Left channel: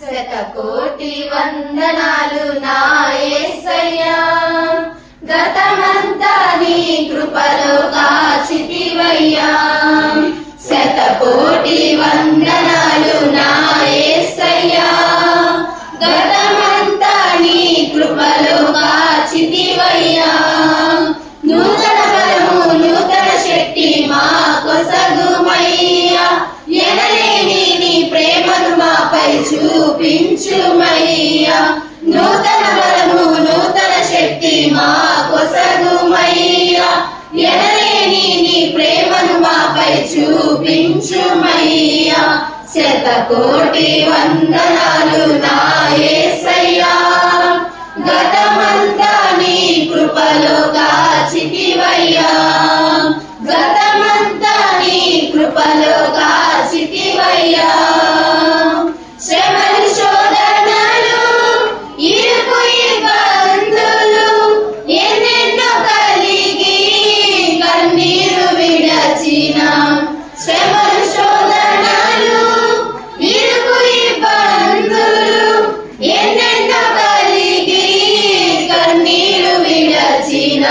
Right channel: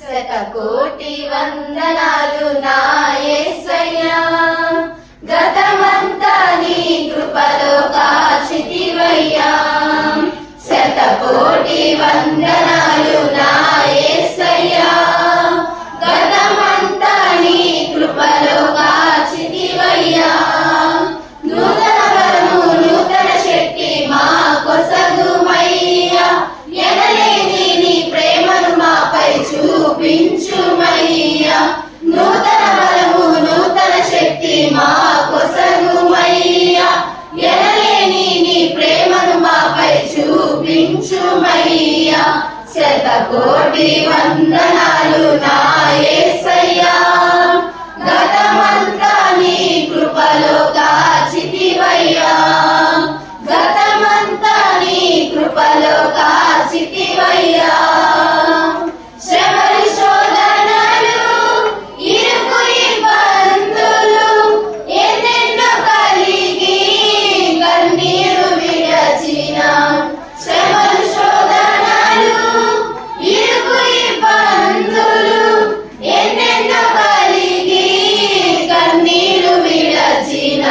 శతకోటి వందనాలు నా యేసయ్యా, గతమంతా నీ కృపలో కాచితివయ్యా. శతకోటి వందనాలు నా యేసయ్యా, గతమంతా నీ కృపలో కాచితివయ్యా. నూతన బలము నూతన శక్తి మా కొసగుమయ్యా, ఎనలేని నీ ప్రేమను మాపై చూపించుమయ్యా. నూతన బలము నూతన శక్తి మా కొసగుమయ్యా, ఎనలేని నీ ప్రేమను మాపై చూపించుమయ్యా. శతకోటి వందనాలు నా యేసయ్యా, గతమంతా నీ కృపలో కాచితివయ్యా. గతమంతా నీ కృపలో కాచితివయ్యా. శ్రమలు శోధనలు ఇరుకు ఇబ్బందులు ఎన్నెన్నో కలిగి కన్నీరు విడచిన. శ్రమలు శోధనలు ఇరుకు ఇబ్బందులు ఎన్నెన్నో కలిగి కన్నీరు విడచిన.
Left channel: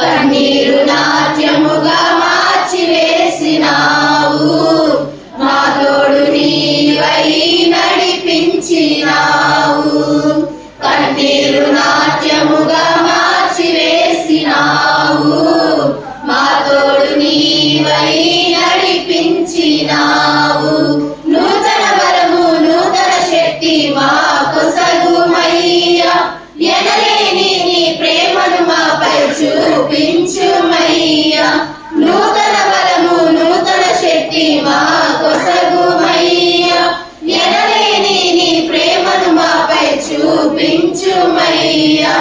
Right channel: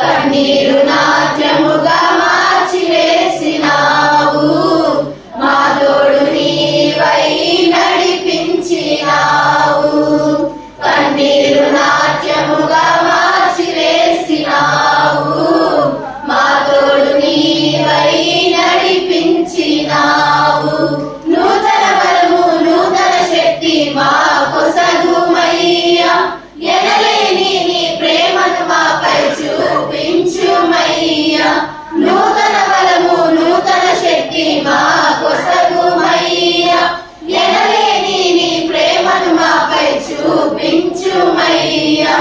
కన్నీరు నాట్యముగా మార్చివేసినావు, మా తోడు నీవై నడిపించినావు. కన్నీరు నాట్యముగా మార్చివేసినావు, మా తోడు నీవై నడిపించినావు. నూతన బలము నూతన శక్తి మా కొసగుమయ్యా, ఎనలేని నీ ప్రేమను మాపై చూపించుమయ్యా. నూతన బలము నూతన శక్తి మా కొసగుమయ్యా, ఎనలేని నీ ప్రేమను మాపై చూపించుమయ్యా.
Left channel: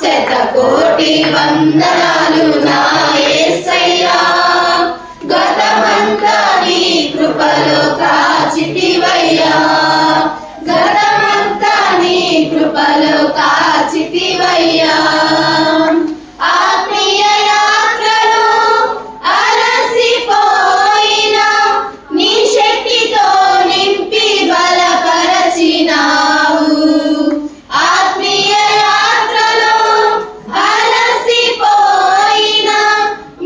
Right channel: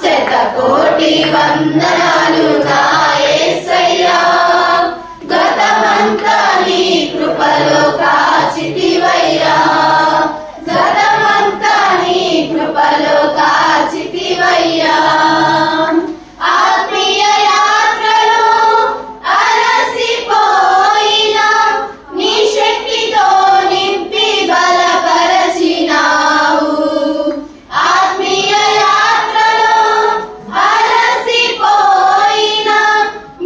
శతకోటి వందనాలు నా యేసయ్యా, గతమంతా నీ కృపలో కాచితివయ్యా. గతమంతా నీ కృపలో కాచితివయ్యా. ఆత్మీయ యాత్రలో అలసిపోయిన నీ శక్తితో నింపి బలపరచినావు. ఆత్మీయ యాత్రలో అలసిపోయిన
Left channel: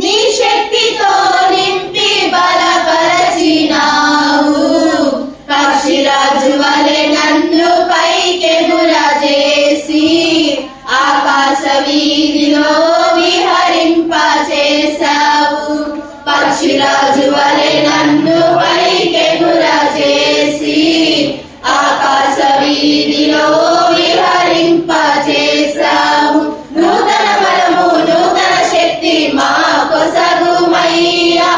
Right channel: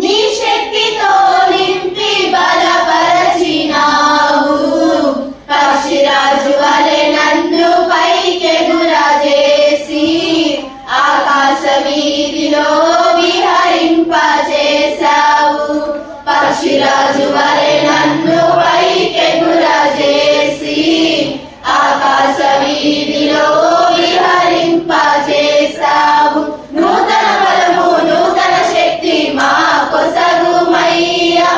నీ శక్తితో నింపి బలపరచినావు. పక్షిరాజు వలె నన్ను పైకెగురజేసి ఆకాశ వీధిలో విహరింపచేశావు. పక్షిరాజు వలె నన్ను పైకెగురజేసి ఆకాశ వీధిలో విహరింపచేశావు. నూతన బలము నూతన శక్తి మా కొసగుమయ్యా,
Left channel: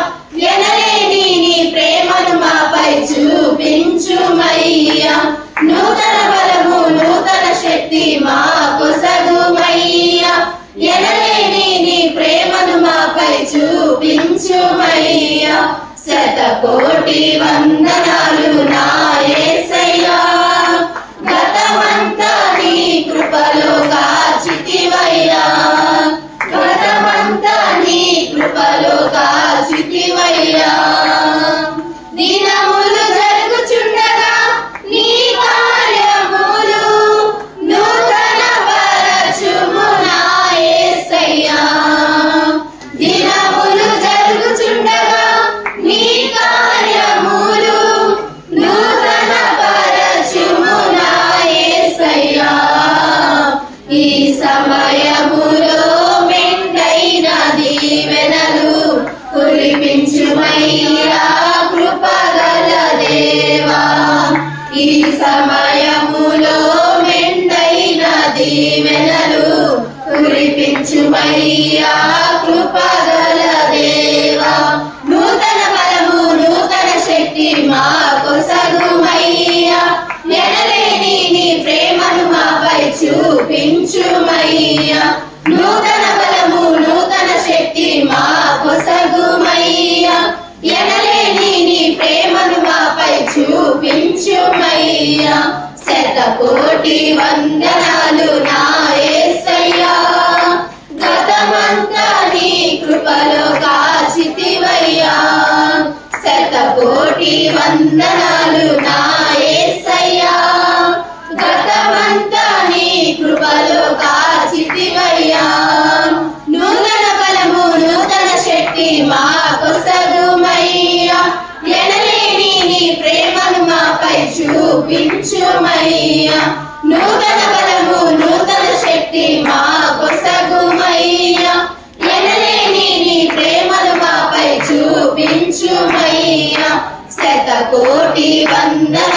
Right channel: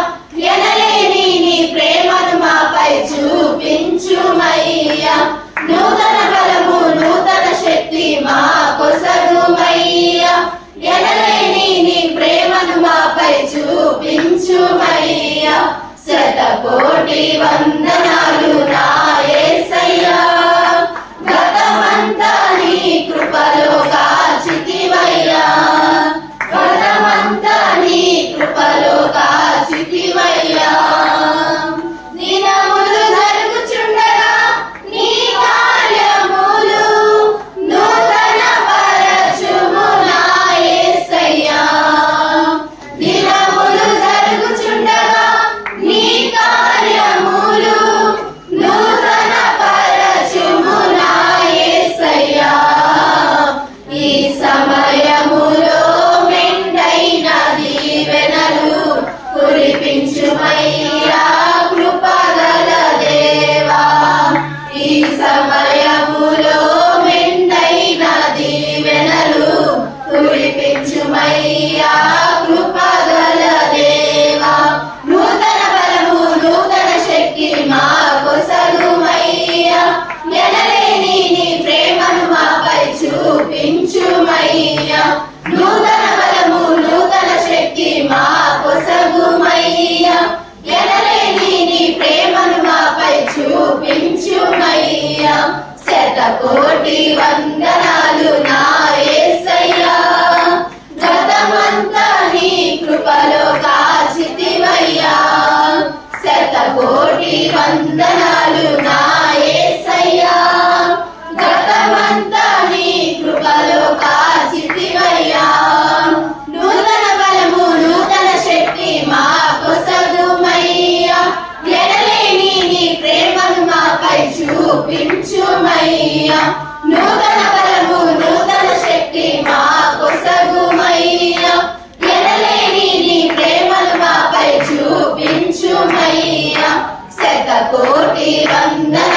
ఎనలేని నీ ప్రేమను మాపై చూపించుమయ్యా. నూతన బలము నూతన శక్తి మా కొసగుమయ్యా, ఎనలేని నీ ప్రేమను మాపై చూపించుమయ్యా. శతకోటి వందనాలు నా యేసయ్యా, గతమంతా నీ కృపలో కాచితివయ్యా. గతమంతా నీ కృపలో కాచితివయ్యా. దినములు జరుగుచుండగా నీ కార్యములు నూతన పరచుము నా యేసయ్యా. దినములు జరుగుచుండగా నీ కార్యములు నూతన పరచుము నా యేసయ్యా. ఈ సమయములో మెండైన దీవెనలు కురిపించుమయ్యా కృపగల దేవా. ఈ సమయములో మెండైన దీవెనలు కురిపించుమయ్యా కృపగల దేవా. నూతన బలము నూతన శక్తి మా కొసగుమయ్యా, ఎనలేని నీ ప్రేమను మాపై చూపించుమయ్యా. నూతన బలము నూతన శక్తి మా కొసగుమయ్యా, ఎనలేని నీ ప్రేమను మాపై చూపించుమయ్యా. శతకోటి వందనాలు నా యేసయ్యా, గతమంతా నీ కృపలో కాచితివయ్యా. శతకోటి వందనాలు నా యేసయ్యా. చూపించుమయ్యా నూతన బలము నూతన శక్తి మా కొసగుమయ్యా ఎనలేని నీ ప్రేమను మాపై చూపించుమయ్యా శతకోటి వందనాలు